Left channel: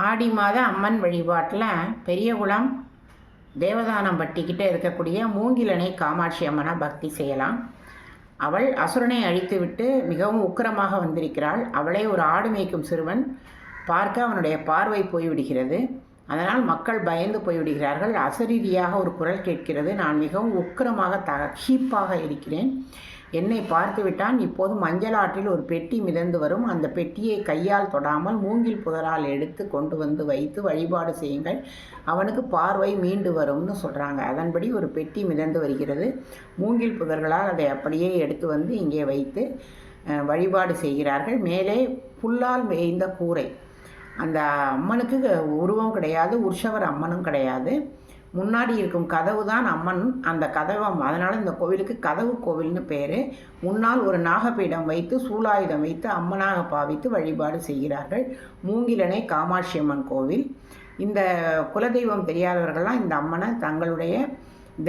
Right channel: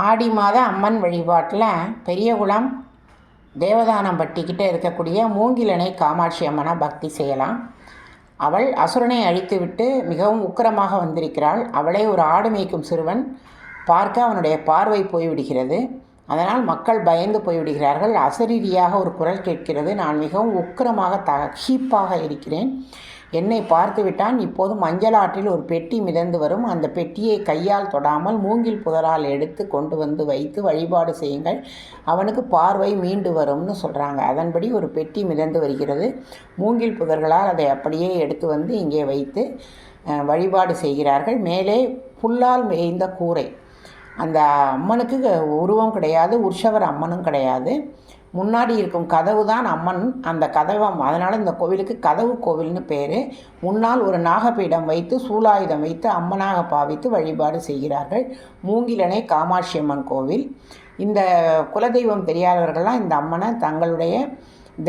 ஆடி மாத அம்மன் வழிபாட்டில் பெரியகுளம் தேவதானம்பட்டிக்கிட்ட இருக்கக்கூடிய மூங்கிலணை காமாட்சி அம்மனை பக்தி செய்யலாம். அவள் அசுரனை அழித்துவிட்டு மிகவும் உக்கிரமாக வந்திருக்கிறாள். அவளை ஒரு ஆடு மேய்க்கும் சிறுவன் பார்க்க அவனுடைய பார்வை போய்விடுகிறது. அதனால் மக்கள் பயந்து போய்விடுகிறார்கள். அசரீரியாக ஒரு குரல் கேட்கிறது, நான் மிகவும் உக்கிரமாக தகீப்பாக இருக்கிறேன், என்னை பார்த்து விட்டான். இப்போது மஞ்சள் ஆற்றில் ஒரு பெட்டி மிதந்து வரும். அந்த பெட்டியை கையால் தொடாமல் மூங்கில் புதரால் எடுத்து கொண்டு வந்து வைத்து வழிபாடு செய்யுங்கள், அவனுக்கு பார்வை மீண்டு வரும்னு சொல்கிறாங்க. அதன்படி ஒரு பெட்டி மிதந்து வருகிறது. மூங்கில் புதர்களால் அதை அப்படியே எடுத்து வந்து இங்கே வைத்து வழிபாடு செய்கிறார்கள். மேலே புல்லால் மேய்ந்த கூரை. அந்த அம்மனுக்கு உருவம் கிடையாது, உற்சவர் அம்மனும் கிடையாது. முன்னாடி இருக்கும் கதவு தான் அம்மன். அந்த கதவை, அதனால் இந்த கோவிலுக்கு கதவு கோவில்னு பேர். முன்னால் ஒரு நாகப்பீடம் வைத்து சூலாயுதம் வைத்து அம்மனாக பாவித்து வழிபாடு செய்கிறார்கள். மூங்கிலணை காமாட்சி அம்மன் கோவில். இந்த குலதெய்வம் தெரியாதவர்கள்லாம் இந்த அம்மனை தங்களுடைய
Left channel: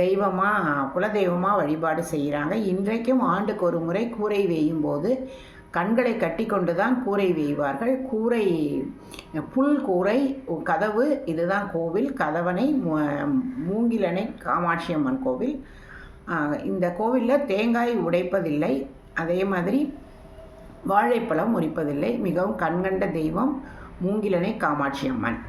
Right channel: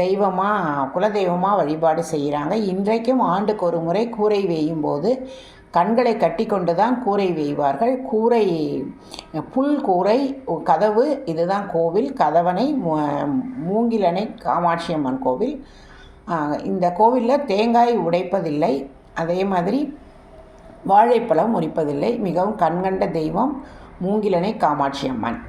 தெய்வமாக, குலதெய்வமாக வழிபாடு செய்கிறாங்க. இன்றைக்கும் ஆண்டுக்கு ஒரு முறை கூரை வேயும் போது கண்களை கட்டி கொண்டு தான் கூரை வேய்வார்கள். கூரை புல் கூரை கதவு. இதுதான் கோவில். கதவணை மூங்கிலணை காமாட்சி அம்மன் கோவில். இந்த கோவிலில் தேங்காய் உடைப்பதில்லை, அதே மாதிரி வாழைப்பழம் உரிப்பதில்லை. மிகவும் கண்கண்ட தெய்வம் மூங்கிலணை காமாட்சி அம்மன்.